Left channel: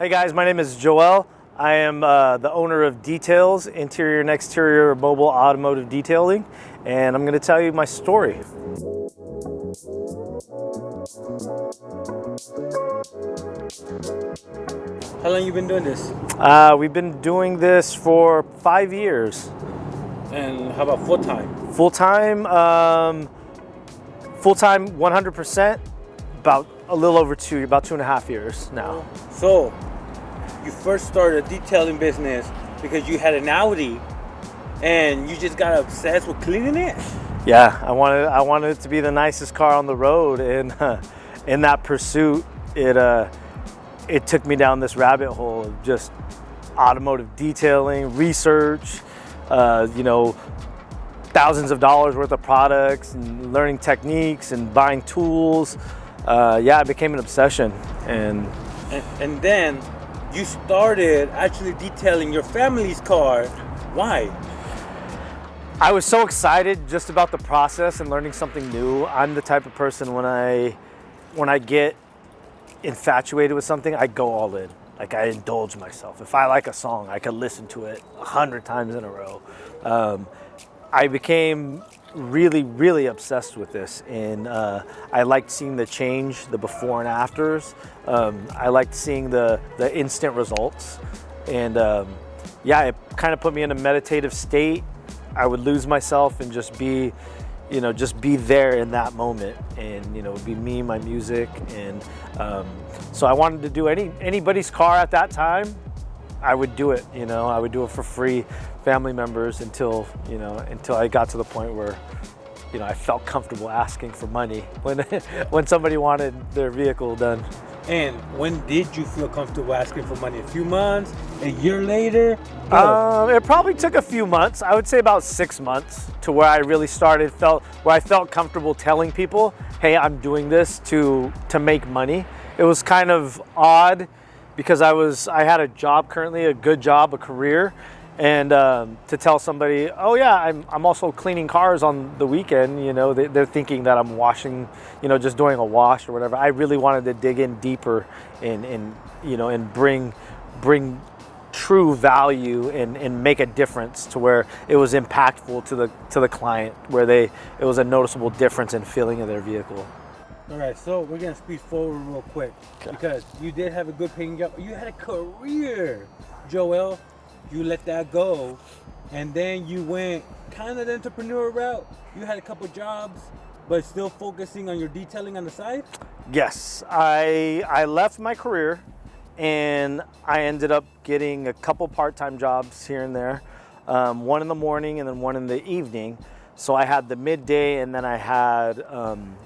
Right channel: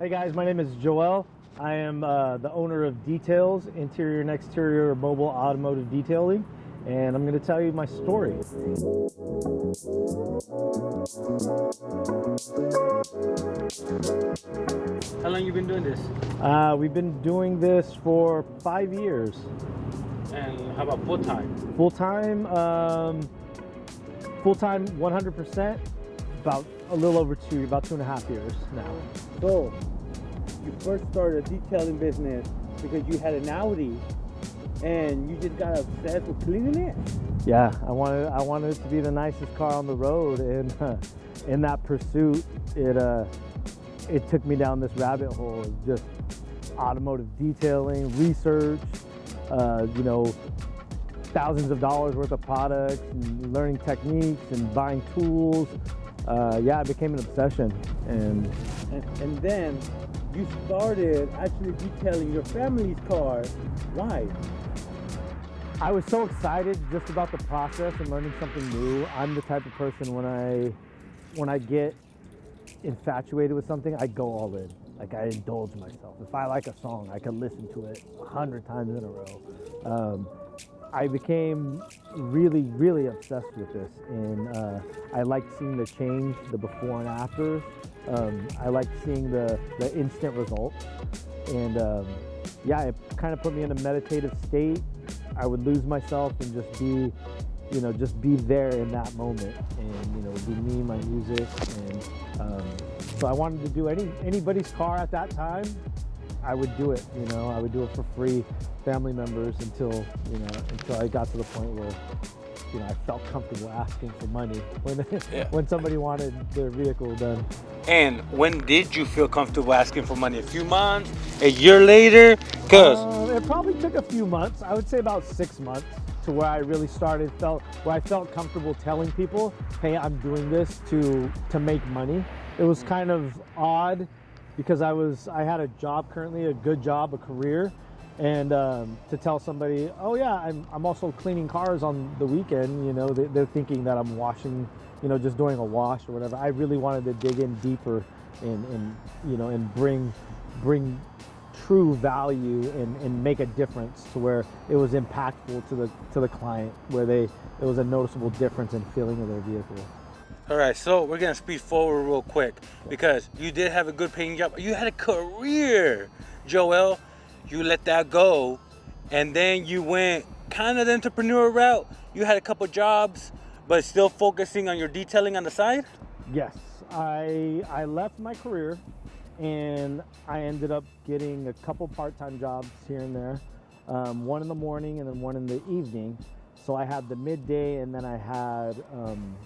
Hey guys, my name is Joel. I am the owner of Details, interior and exterior mobile automotive detailing, and I'm going to tell you my story. How long you been doing this? We've been doing this for 5 years. And how about full time? Full-time 100%, about a little over about 2.5 years now. So, you first started a detailing business because you had an Audi and you just got obsessed with cleaning it? Yeah, I wanted it to be the nicest car on the road, and in that pursuit, it took me down this rabbit hole of just automotive detailing, research, thousands of dollars worth of products, and learning techniques and buying tools. It became an obsession, and then you started actually detailing your family's car. Why? I was so excited just about the process and learning something new. I'm the type of person when I get infatuated with something, I go all in. Like, I indulge myself. If I like a song, I could listen to it 100 times in a row. I became really, really obsessed with this, and I liked seeing the change, the before and afters. I liked seeing the instant results, and it kind of put me in a meditative state. I would lose myself and just be there in that moment, and it'd be me, my music, and so I wanted to do anybody's car at that time. I would do it. I would do it for free, family members, until I got to the point where I felt comfortable asking for money when somebody wanted their vehicle done. And when did you feel comfortable asking for money? A few months? A year later? It probably took a few months. I would say about 6 months to where I really where I felt comfortable telling people, hey, I'm doing this to make money. It was kind of odd because I had a job currently, a good job, a career, and to tell somebody, oh yeah, I'm also cleaning cars on the weekend, they're thinking that I'm washing, just doing a wash or whatever. I really wanted to dig in deeper and bring true value and make a difference to where it was impactful to the client, where it was a noticeable difference in feeling of their vehicle. All right, so we're gonna speed forward real quick, okay, because you did have a good paying job. You had a career, Joel. You let that go, and then you went kind of the entrepreneur route. You had a couple jobs, but still focusing on your detailing on the side? Yes, I left my career, and I ended up getting a couple part-time jobs here and there, one in the morning and then one in the evening. So I had the midday, and then I had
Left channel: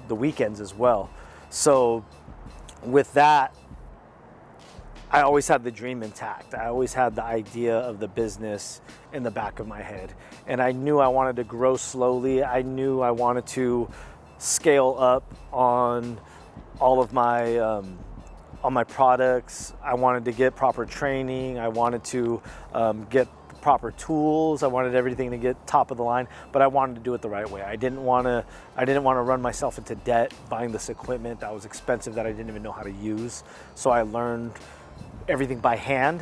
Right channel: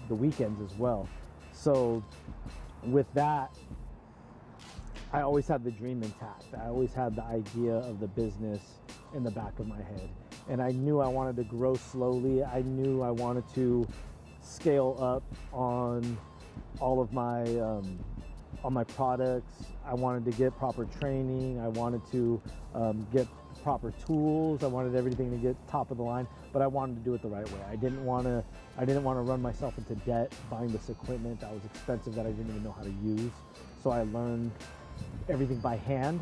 the weekends as well. So with that, I always had the dream intact. I always had the idea of the business in the back of my head. And I knew I wanted to grow slowly. I knew I wanted to scale up on all of my products. I wanted to get proper training. I wanted to get proper tools. I wanted everything to get top of the line, but I wanted to do it the right way. I didn't want to run myself into debt buying this equipment that was expensive that I didn't even know how to use. So I learned everything by hand,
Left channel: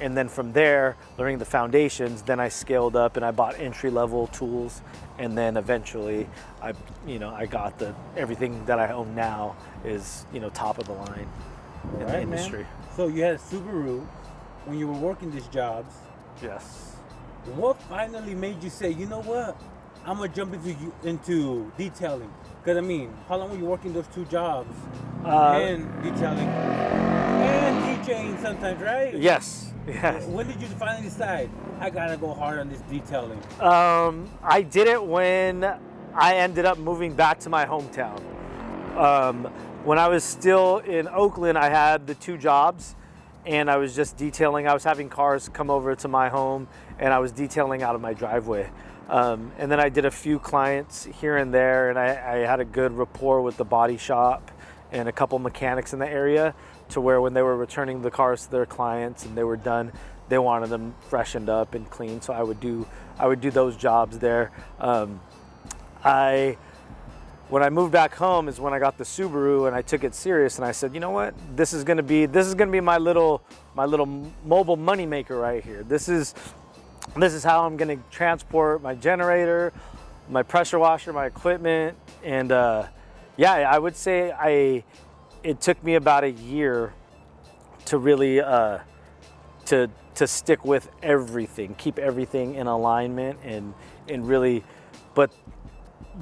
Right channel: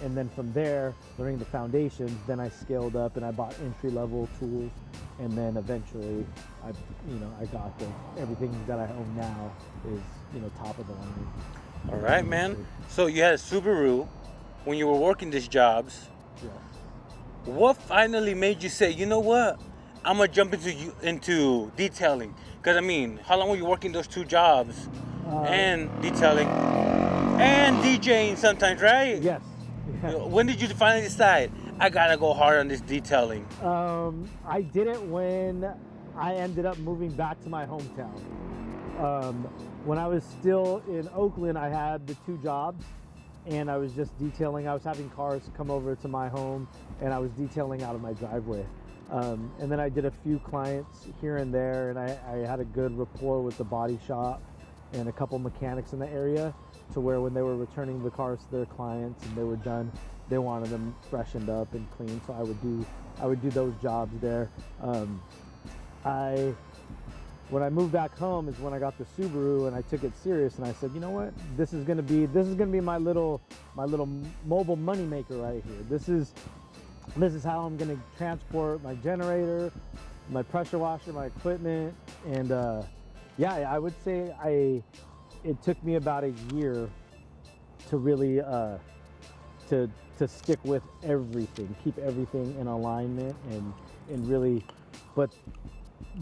and then from there, learning the foundations, then I scaled up and I bought entry-level tools, and then eventually I got everything that I own now is top of the line. All right, man. So you had a Subaru when you were working these jobs. Yes. What finally made you say, you know what, I'm gonna jump into detailing? Because how long were you working those two jobs and detailing and DJing sometimes, right? Yes. Yeah. When did you finally decide, I gotta go hard on this detailing? I did it when I ended up moving back to my hometown. When I was still in Oakland, I had the two jobs, and I was just detailing. I was having cars come over to my home, and I was detailing out of my driveway. And then I did a few clients here and there, and I had a good rapport with the body shop and a couple mechanics in the area, to where when they were returning the cars to their clients and they were done, they wanted them freshened up and clean. So I would do those jobs there. I when I moved back home is when I got the Subaru and I took it serious and I said, you know what, this is gonna be my little mobile money maker right here. This is how I'm gonna transport my generator, my pressure washer, my equipment, and yeah, I would say it took me about a year to really to stick with everything, keep everything in alignment, and really, but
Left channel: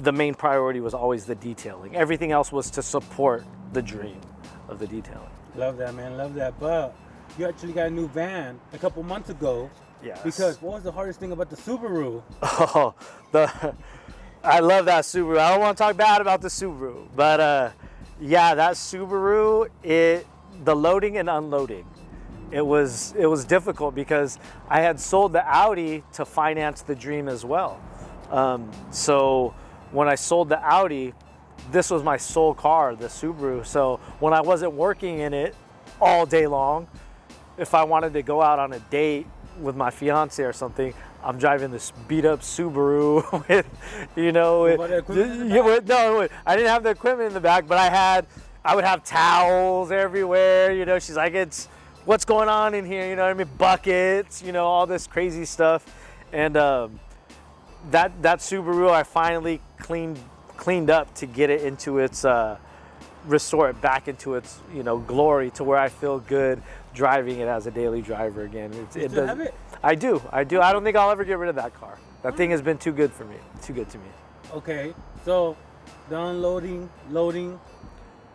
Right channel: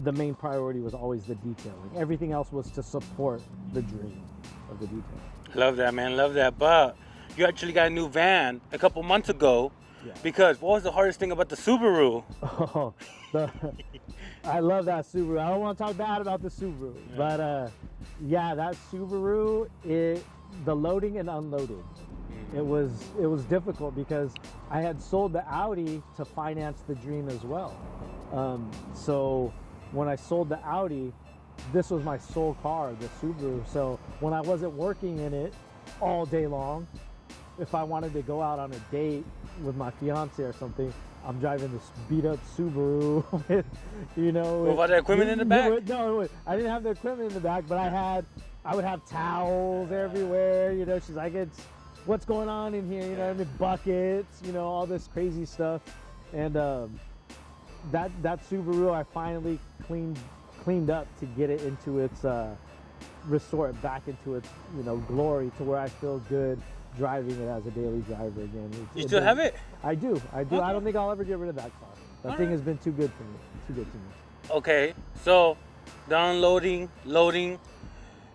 the main priority was always the detailing. Everything else was to support the dream of the detailing. Love that, man. Love that. But you actually got a new van a couple months ago. Yes. Because what was the hardest thing about the Subaru? Oh, I love that Subaru. I don't want to talk bad about the Subaru, but yeah, that Subaru, the loading and unloading, it was difficult because I had sold the Audi to finance the dream as well. So when I sold the Audi, this was my sole car, the Subaru. So when I wasn't working in it all day long, if I wanted to go out on a date with my fiance or something, I'm driving this beat up Subaru with, you know. What about the equipment in the back? No, I didn't have the equipment in the back, but I would have towels everywhere, you know. She's like, what's going on in here? You know what I mean? Buckets, you know, all this crazy stuff. And that Subaru, I finally cleaned up to get it into its, restore it back into its, you know, glory, to where I feel good driving it as a daily driver again. You still have it? I do. I don't think I'll ever get rid of that car. That thing has been too good for me. Too good to me. Okay, so the unloading, loading,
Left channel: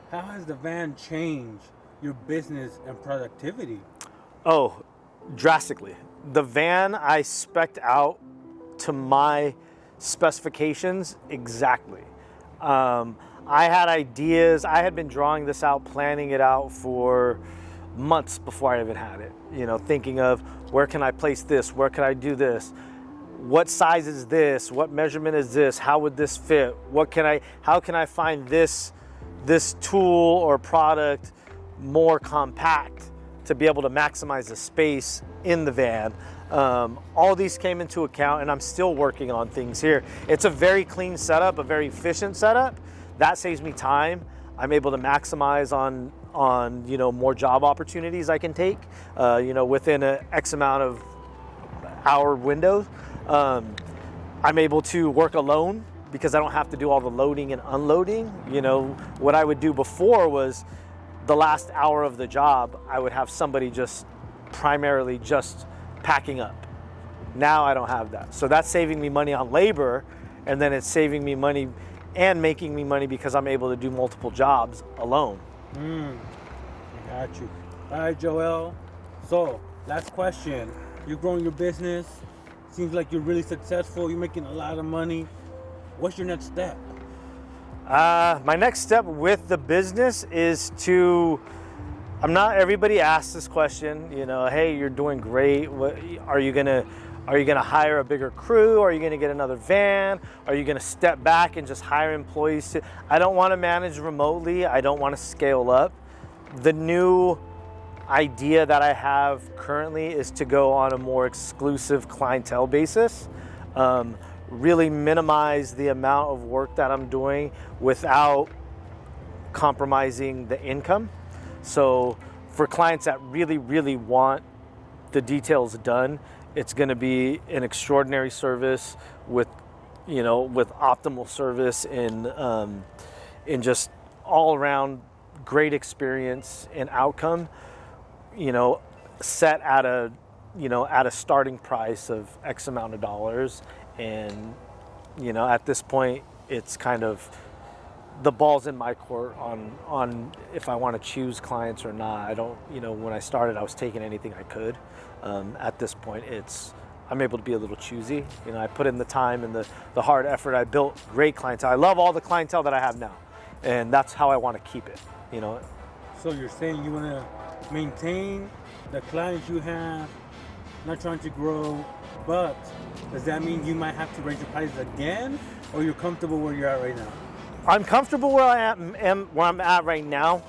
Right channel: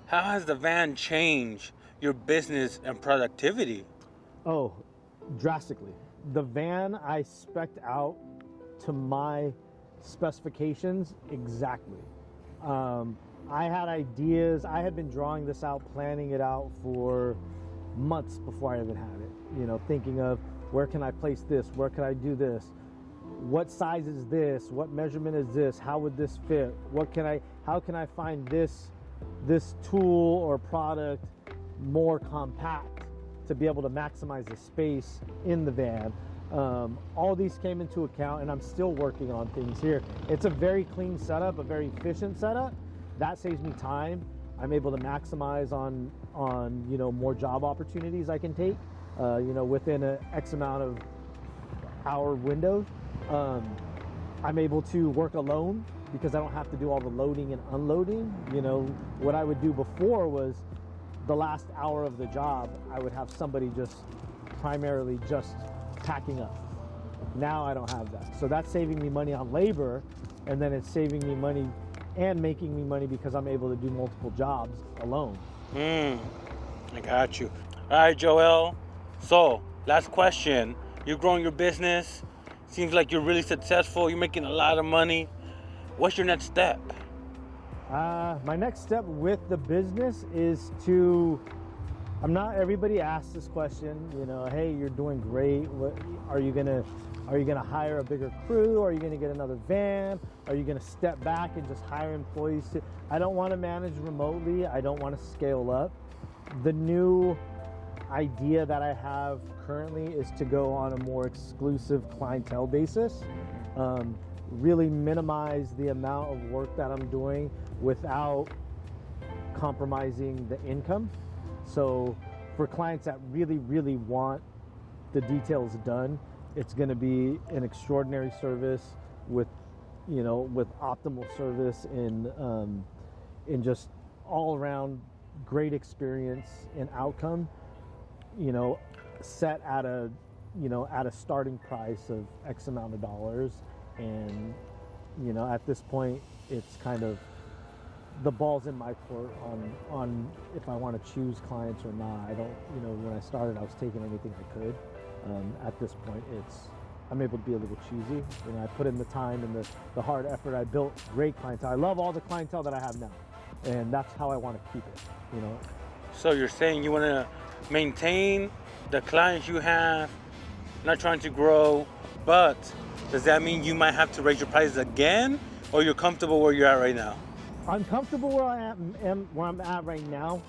how has the van changed your business and productivity? Oh, drastically. The van I spec'd out to my specifications exactly. I had ideas. I had been drawing this out, planning it out for months before I even had it. You know, thinking of, where can I place this? Where can I do this? What size is this? What measurement is this? How would this fit? How can I find this tool or product more compact to be able to maximize the space in the van? All these came into account, and I'm still working on things here. It's a very clean setup, a very efficient setup. That saves me time. I'm able to maximize on you know, more job opportunities I can take, you know, within a X amount of hour window. I'm able to work alone because I don't have to do all the loading and unloading. You know, what I would do before was the last hour of the job, I would have somebody primarily just packing up. Now I don't have that. So that's saving me money on labor, and then it's saving me money and making me money because I'm able to do multiple jobs alone. I got you. All right, Joel. So, last question. You're growing your business. Seems like you're really successful. You're making a lot of money. What's your next step? My next step with the business is everybody asks this question, you know, hey, you're doing great. What, are you gonna hire a bigger crew? Are you gonna get another van? Are you gonna step back and just hire employees? I don't want to manage remotely. I don't want to scale up. The new idea that I have currently is to go on a more exclusive clientele basis, really minimize the amount of work that I'm doing without compromising the income. So for clients that really, really want the details done, it's going to be an extraordinary service with optimal service and just all around great experience and outcome, you know, set at a starting price of X amount of dollars. And, you know, at this point, it's kind of, the ball's in my court on if I want to choose clients or not. I don't, you know, when I started, I was taking anything I could. At this point, I'm able to be a little choosy. You know, I put in the time and the hard effort. I built great clientele. I love all the clientele that I have now, and that's how I want to keep it, you know. So you're saying you want to maintain the clients you have, not trying to grow, but does that mean you might have to raise your prices again, or you're comfortable where you're at right now? I'm comfortable where I'm at right now,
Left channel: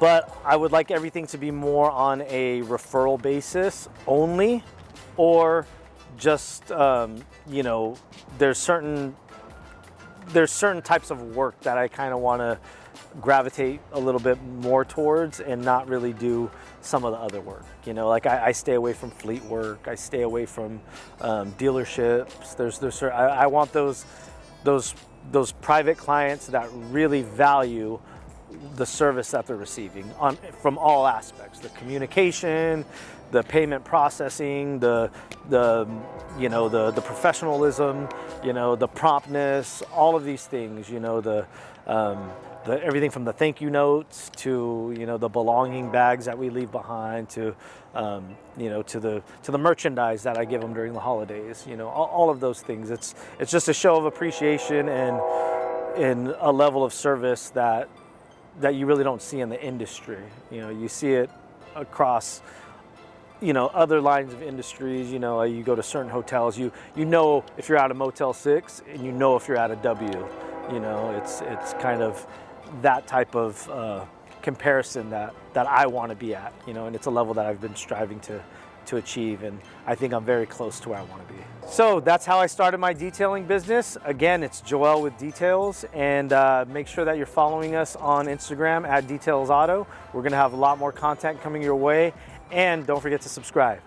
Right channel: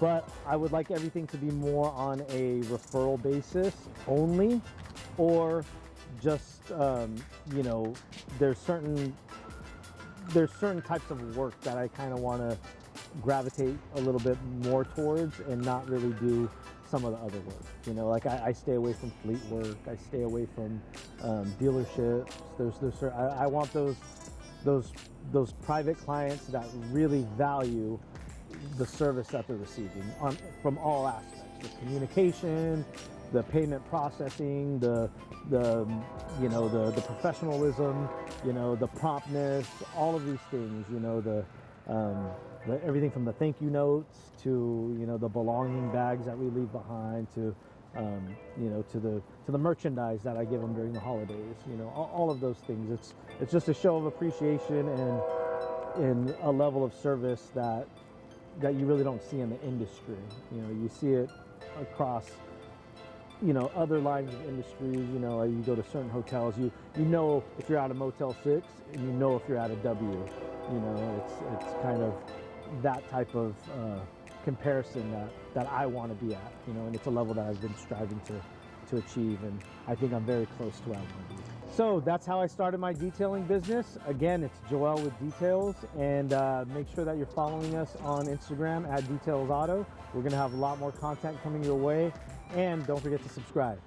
but I would like everything to be more on a referral basis only, or just, you know, there's certain there's certain types of work that I kind of want to gravitate a little bit more towards and not really do some of the other work. You know, like I stay away from fleet work. I stay away from dealerships. I want those private clients that really value the service that they're receiving from all aspects: the communication, the payment processing, the professionalism, the promptness, all of these things. Everything from the thank you notes to the belonging bags that we leave behind to the merchandise that I give them during the holidays. All of those things. It's just a show of appreciation and a level of service that you really don't see in the industry. You see it across other lines of industries. You go to certain hotels, you know if you're at a Motel 6 and you know if you're at a W. It's kind of that type of comparison that I want to be at, and it's a level that I've been striving to achieve, and I think I'm very close to where I want to be. So that's how I started my detailing business. Again, it's Joel with Details, and make sure that you're following us on Instagram at Details Auto. We're going to have a lot more content coming your way, and don't forget to subscribe.